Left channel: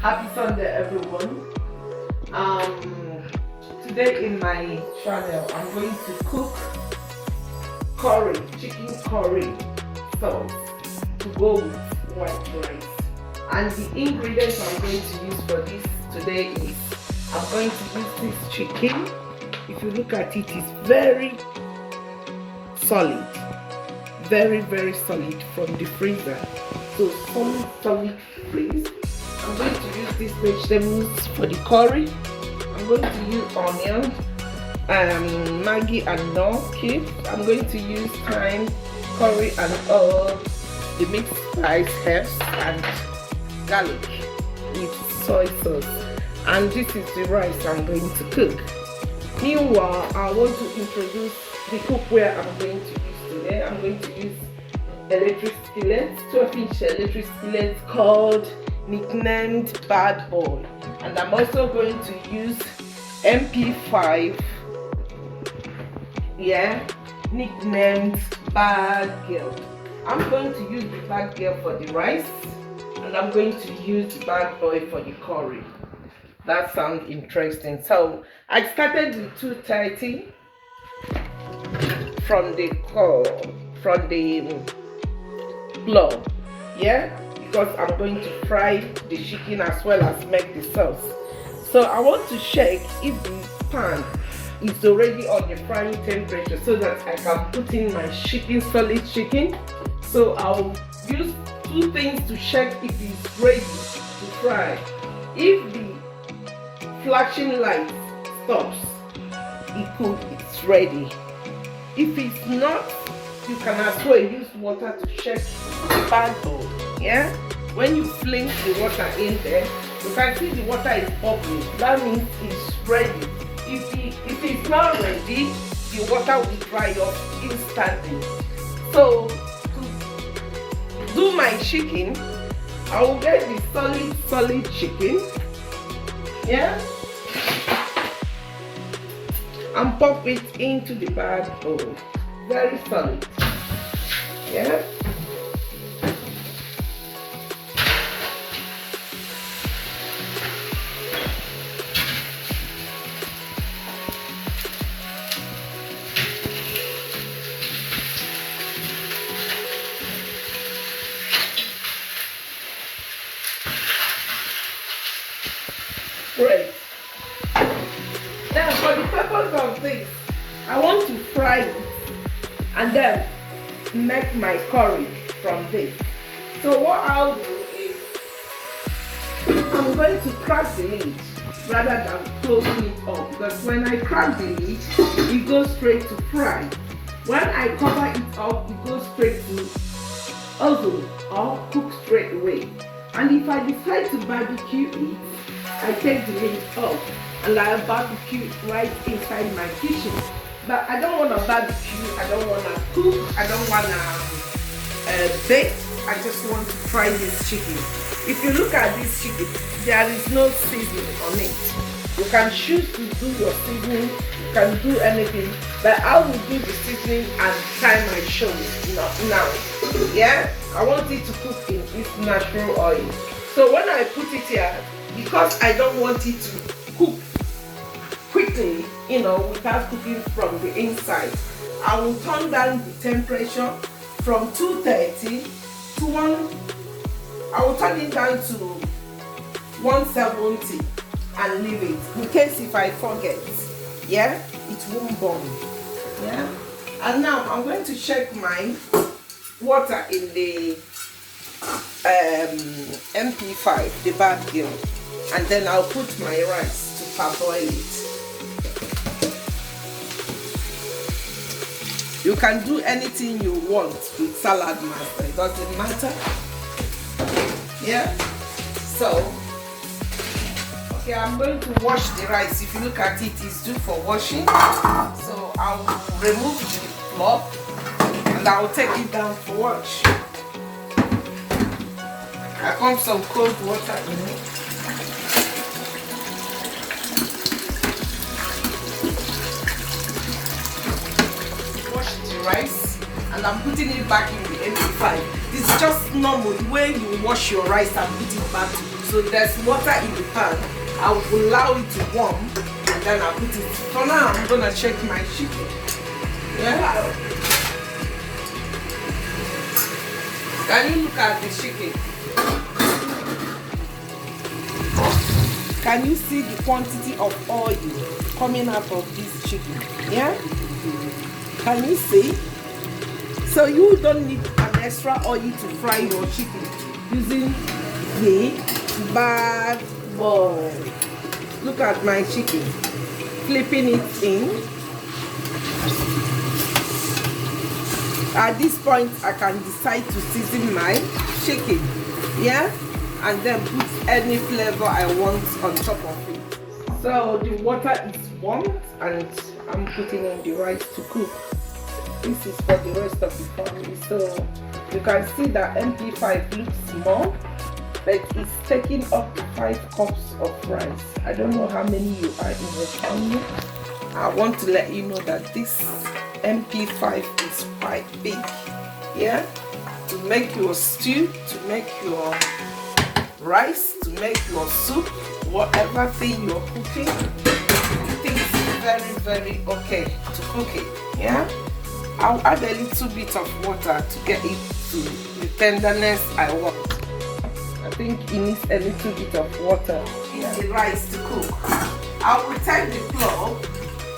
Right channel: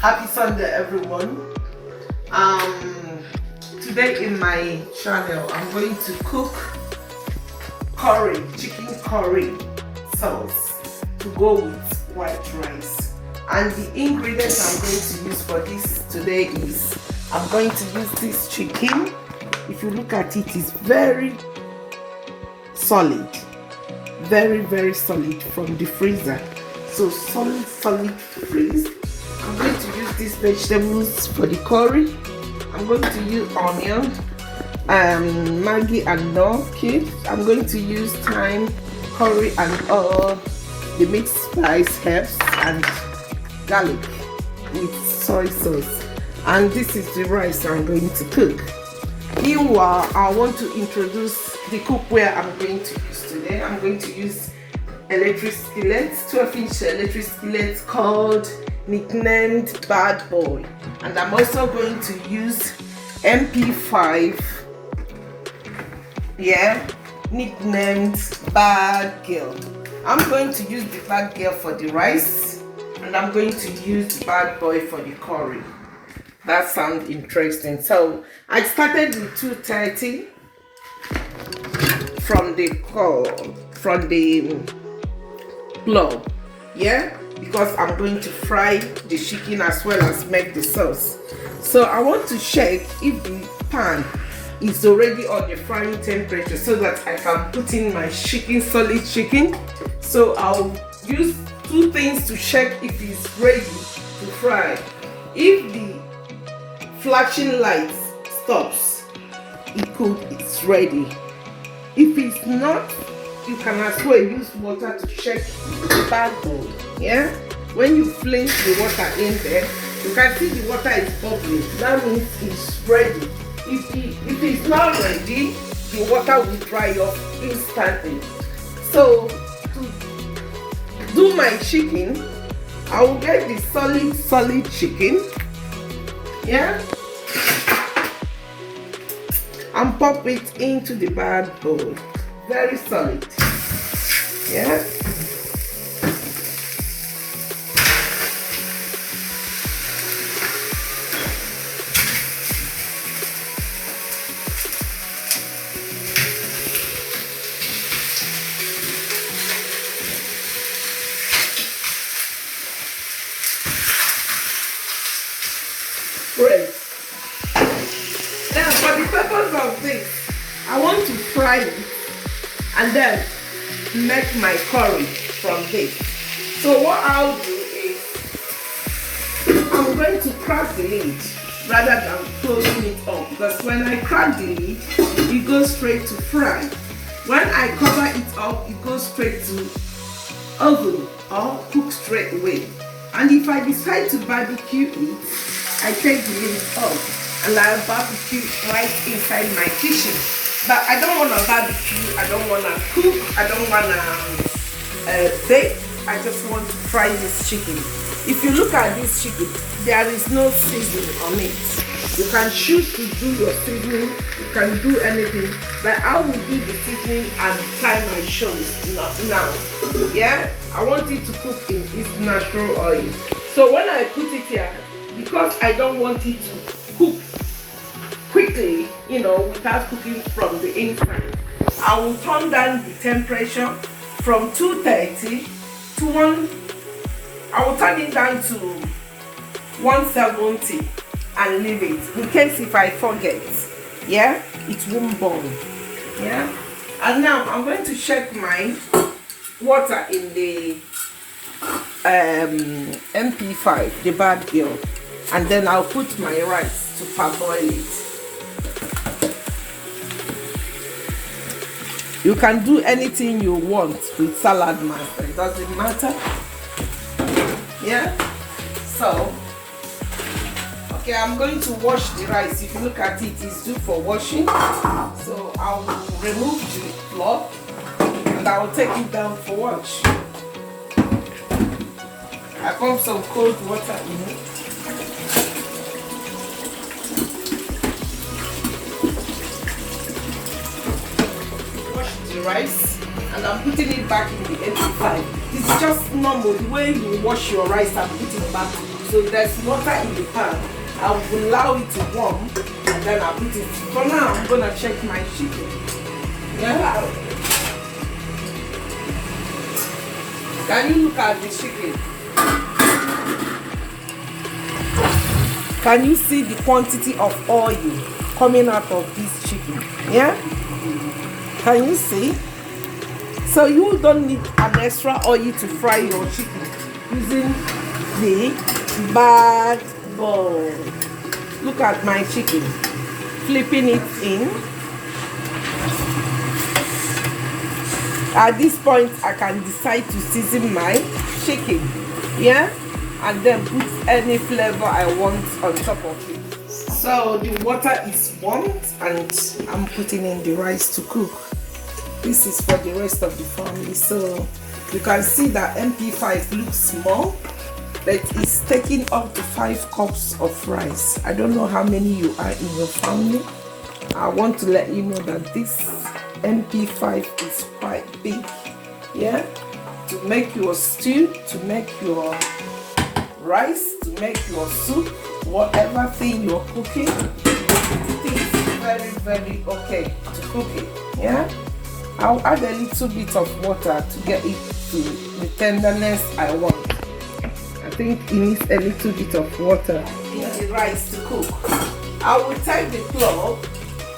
Happy Sunday, everyone. Today in my channel, I'm going to cook curry, chicken curry sauce to go with white rice. And the ingredients I'm going to use for this today is, I'm going to use this chicken. If you look at it, it's very solid, very solid from the freezer. So solid freeze. I'm going to use these vegetables for the curry. I'm going to use onion, Maggi and Knorr cubes. I'm going to use thyme, curry and all the mixed spice herbs and garlic with soy sauce. And this is the rice I'm going to cook. Meanwhile, I want to introduce the cookware I'm going to use today. I'm going to use electric skillet, 12-inch electric skillet called nicknamed Bad Boy, and I'm also going to use MP5, nicknamed Bad Girl. I'm going to use the Bad Girl for the rice, and I'm going to use the Bad Boy for the curry. That sounds interesting. So I started with 230 from the flour, because I'm going to fry the chicken as well as make the sauce. So I want to check if the pan is already on the frying temperature so that I can put in my chicken, solid chicken. So I'll use two things to check if it's ready to fry. If the flashing light stops, it's ready. If it's not, you can as well use water to check the bad bowl. When you fling the water in there, you can see the water is bubbling. That means it's ready. If it's not ready, the water will dry up instantly. So to do my chicken, I will get the solid chicken, and pop it into the bad bowl. Very solid. Great. Now for the purpose of this, I want to fry it and then make my curry from this. So what I'll do is, I'm going to crack the lid rather than closing it up, because when I crack the lid, it goes straight to fry. When I cover it up, it goes straight to oven or cook straight away. And if I decide to barbecue it, I take the lid off and I'll barbecue right inside my kitchen. But I don't want to barbecue, I don't want to cook, I don't want to bake. I just want to fry this chicken. If you look at this chicken, there is no seasoning on it. You can choose to do your seasoning, you can do anything, but I will do the seasoning at the time I show it, not now. I want it to cook in its natural oil. So when I put it here, because I don't want it to cook quickly, without cooking from the inside, I will turn down the temperature from 230 to 1. I will turn it down to 170 and leave it in case if I forget. It won't burn. And now I'm going to check my water in the MP5, the bad girl, and then I'll put my rice to parboil it. You can do anything you want with Saladmaster, it doesn't matter. So okay, I'm going to wash the rice. If you look at it, it's due for washing. So I'll remove the cloth and I'll take it down for wash. I pump some cold water in it. Wash the rice and I'm putting it back in the MP5. It's just normal, the way you wash your rice and put it back So there's water in the pan. I will allow it to warm and then I'll put it. For now, I'm gonna check my chicken. Yeah. Can you look at the chicken? Can you see the quantity of oil coming out of this chicken? Yeah? Can you see? So you don't need an extra oil to fry your chicken using the bag bowl. Look at my chicken. Flipping it in. At this point, I can decide to season my chicken. Yeah? And then put any flavor I want on top of it. So the water is warmed and I'm putting in the rice to cook. This is for the rest of the family. So you can see that MP5 looks small, but it's taking up to 5 cups of rice. I don't know how many you are in your family. I want to let you know that this MP5 is quite big. Yeah? To make your stew, to make your rice, to make your soup, whatever thing you're cooking, it's very, very okay to cook it. Yeah, I'll add a little bit of water to get it to the tenderness I want. I think it needs a little bit of water in the rice to cook. I will take the plug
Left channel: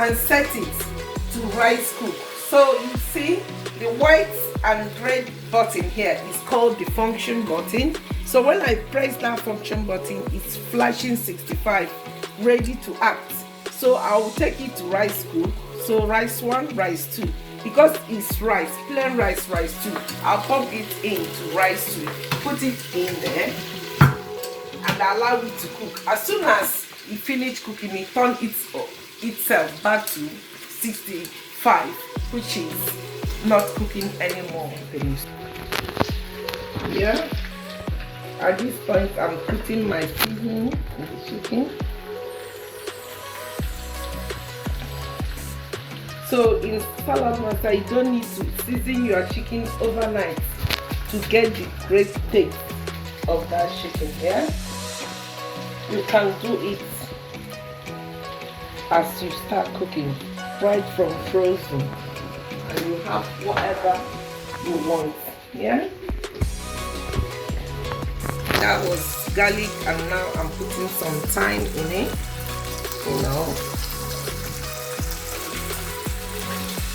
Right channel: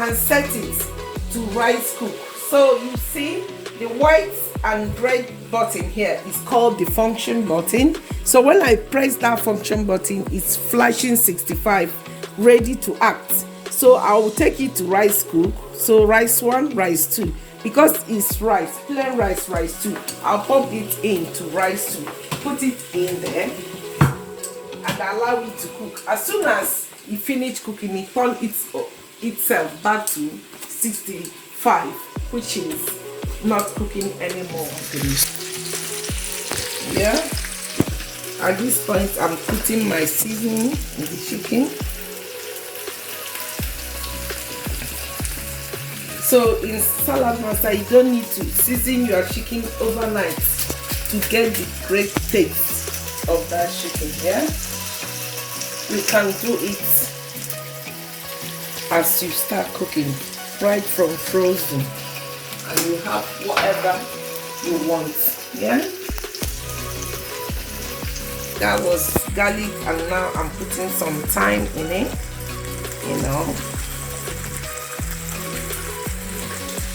and set it to rice cook. So you see the white and red button here is called the function button. So when I press that function button, it's flashing 65, ready to act. So I will take it to rice cook. So rice 1, rice 2. Because it's rice, plain rice, rice 2, I'll pump it into rice 2, put it in there, and allow it to cook. As soon as it finish cooking, it turns itself back to 65, which is not cooking anymore. Yeah. At this point, I'm putting my seasoning in the chicken. So in Saladmaster, you don't need to season your chicken overnight to get the great taste of that chicken. Yeah. You can do it as you start cooking, right from frozen. And you have whatever you want. Yeah, that was garlic, and now I'm putting some thyme in it, you know,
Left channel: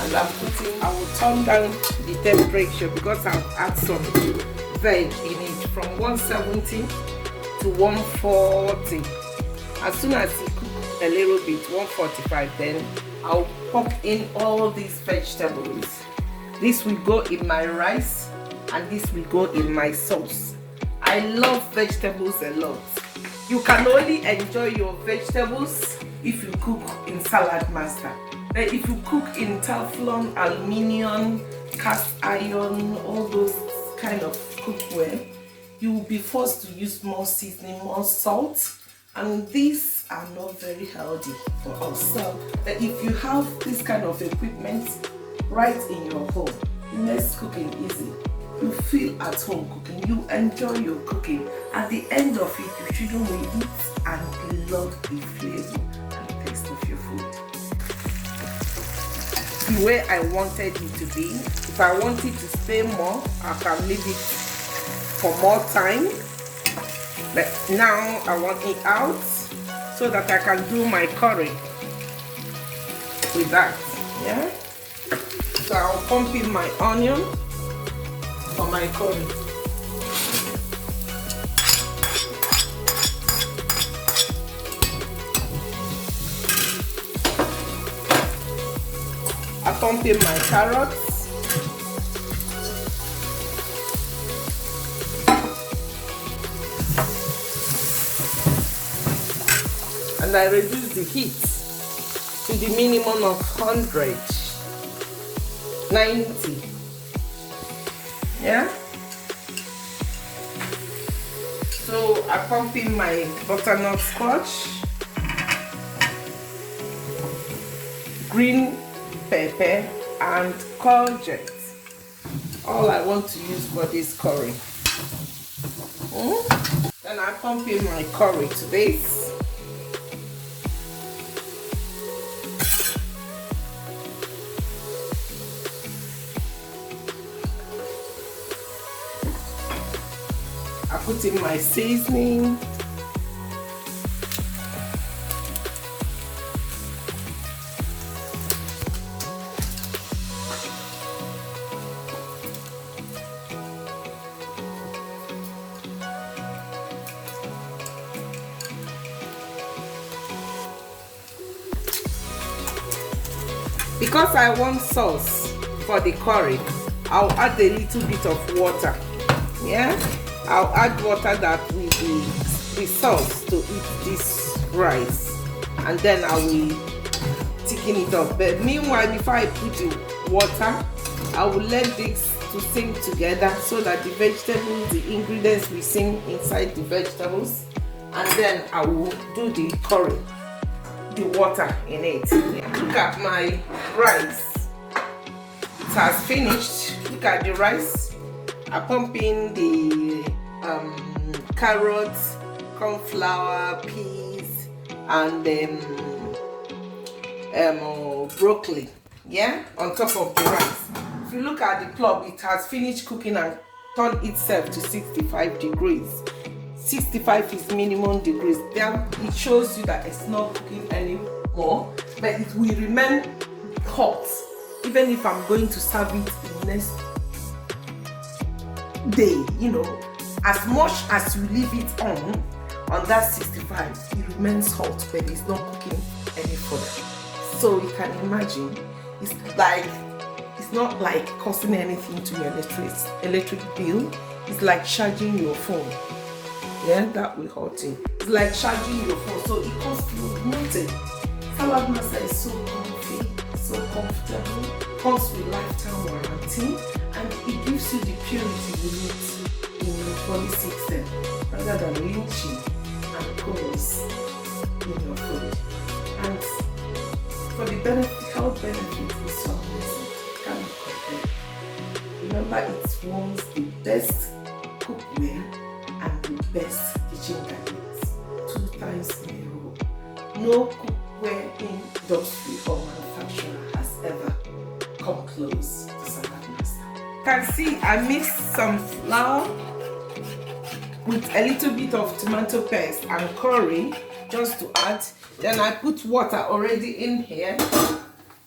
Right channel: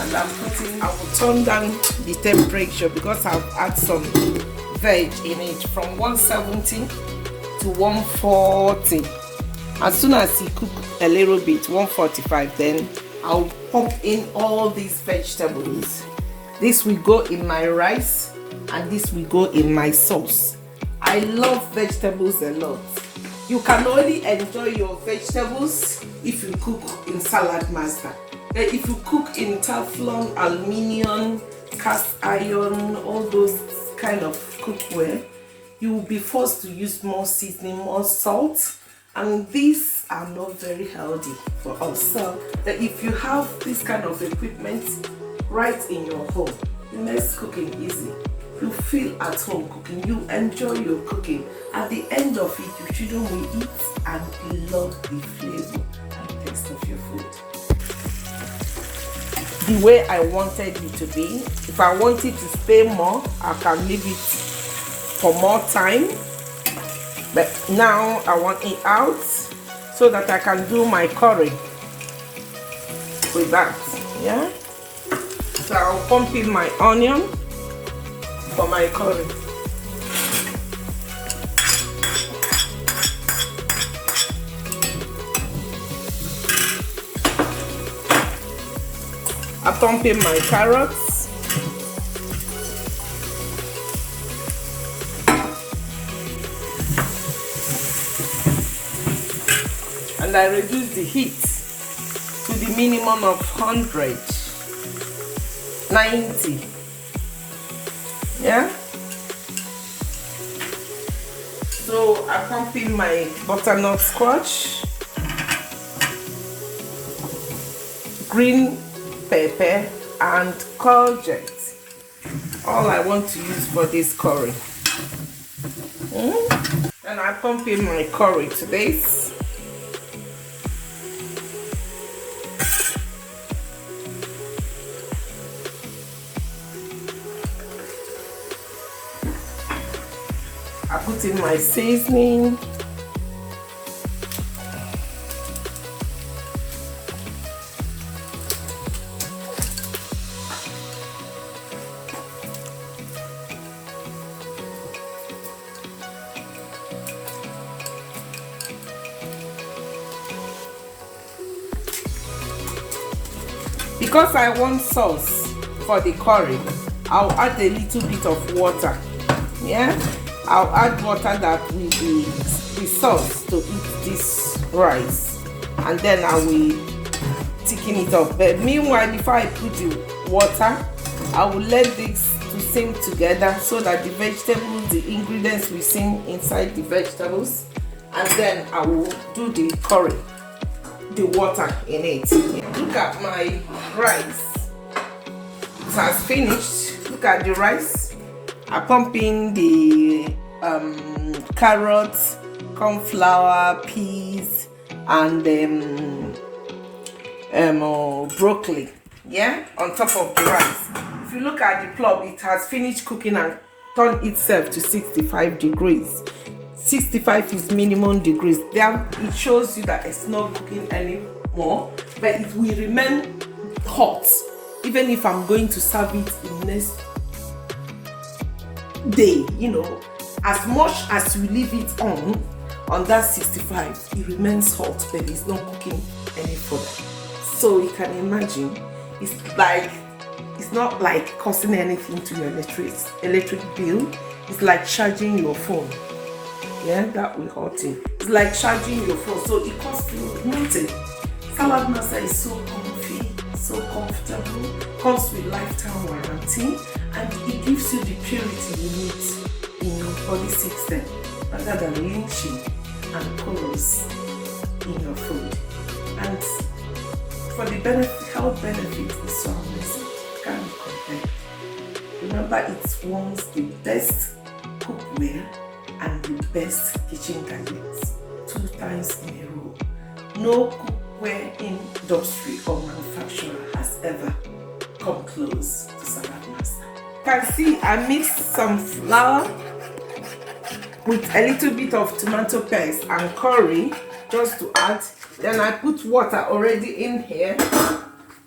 and I will turn down the temperature because I've added some veg in it from 170 to 140. As soon as it cooks a little bit, 145, then I'll pop in all these vegetables. This will go in my rice and this will go in my sauce. I love vegetables a lot. You can only enjoy your vegetables if you cook in Saladmaster. But if you cook in Teflon, aluminium, cast iron, all those kind of cookware, you will be forced to use more seasoning, more salt, and these are not very healthy for us. So if you have this kind of equipment right in your home, it makes cooking easy. You feel at home cooking, you enjoy your cooking. At the end of it, your children will eat and love the flavor and taste of your food. The way I wanted it to be. If I want it to stay more, I can leave it for more time. But now I want it out so that I can do my curry with that. Yeah. So I'll pump in my onion for my curry. I pump in my carrots. And I reduce the heat to the minimum of 100, 90. Yeah. So I pump in my butternut squash, green pepper, and courgette. All I want to use for this curry. And I pump in my curry to this. I put in my seasoning. Because I want sauce for the curry, I'll add a little bit of water. Yeah, I'll add water that will be the sauce to eat this rice, and then I will thicken it up. But meanwhile, before I put the water, I will let this to sink together so that the vegetables, the ingredients will sink inside the vegetables, and then I will do the curry, the water in it. Look at my rice. It has finished. Look at the rice. I pump in the carrots, cornflower, peas, and broccoli. Yeah, on top of the rice. If you look at the plug, it has finished cooking and turned itself to 65 degrees. 65 is minimum degrees. There it shows you that it's not cooking anymore, but it will remain hot even if I'm going to serve it in next day. You know, as much as you leave it on that 65, it remains hot, but it's not cooking any further. So you can imagine, it's not like costing anything to your electric bill. It's like charging your phone. Yeah, that will hurt you. It's like charging your phone, so it costs you nothing. Saladmaster is so comfy, so comfortable, comes with lifetime warranty, and it gives you the purity you need in your body system, rather than lynching and corals in your food. And for the health benefit is so amazing, can't be compared. Remember, it's once the best cookware and the best kitchen gadgets 2 times in a row. No cookware industry or manufacturer has ever come close to Saladmaster. You can see I mixed some flour with a little bit of tomato paste and curry just to add. Then I put water already in here.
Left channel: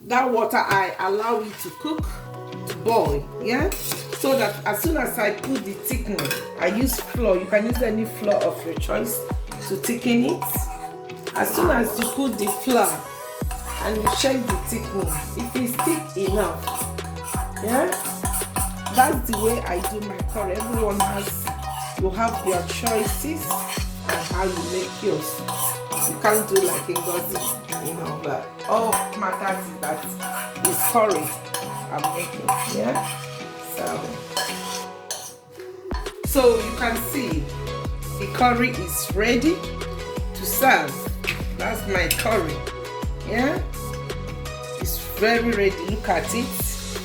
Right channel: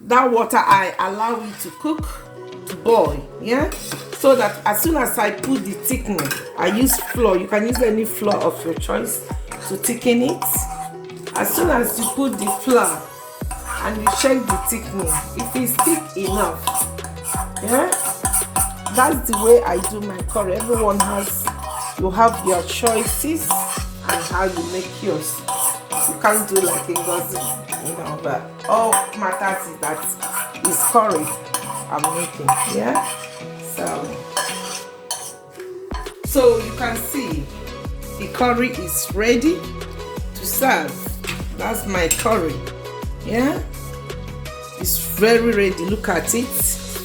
That water I allow it to cook, to boil, yeah? So that as soon as I put the thickening, I use flour. You can use any flour of your choice to thicken it. As soon as you put the flour and you check the thickening, if it's thick enough, yeah, that's the way I do my curry. Everyone you have your choices and how you make yours. You can't do like Ngo-Des, you know, but all matters is that it's curry I'm making, yeah? So you can see the curry is ready to serve. That's my curry, yeah? It's very ready. Look at it,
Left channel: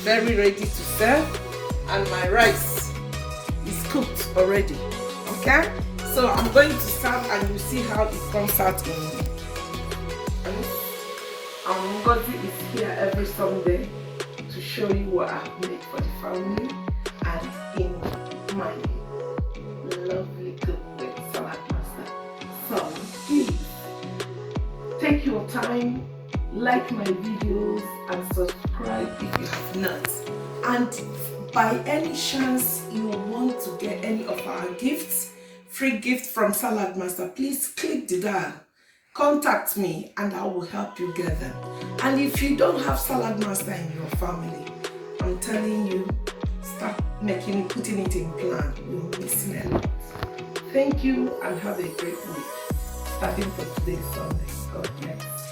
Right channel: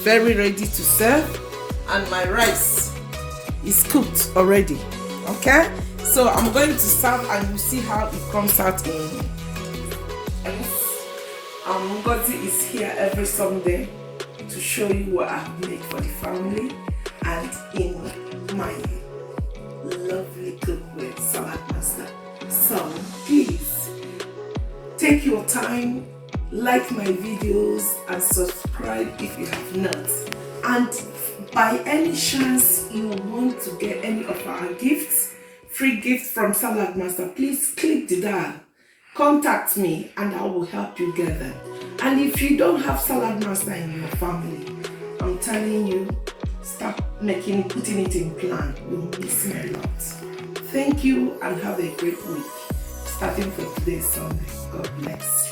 very ready to serve. And my rice is cooked already, okay? So I'm going to serve and you see how it comes out in Ngo-Des is here every Sunday to show you what I've made for the family and in my lovely cookware Saladmaster. So please take your time, like my videos and subscribe if you have not. And by any chance you want to get any of our gifts, free gifts from Saladmaster, please click the dial. Contact me and I will help you get them. And if you don't have Saladmaster in your family, I'm telling you, start putting it in plan. You'll miss me a lot. Thank you and have a great week. Starting from today's Sunday. God bless.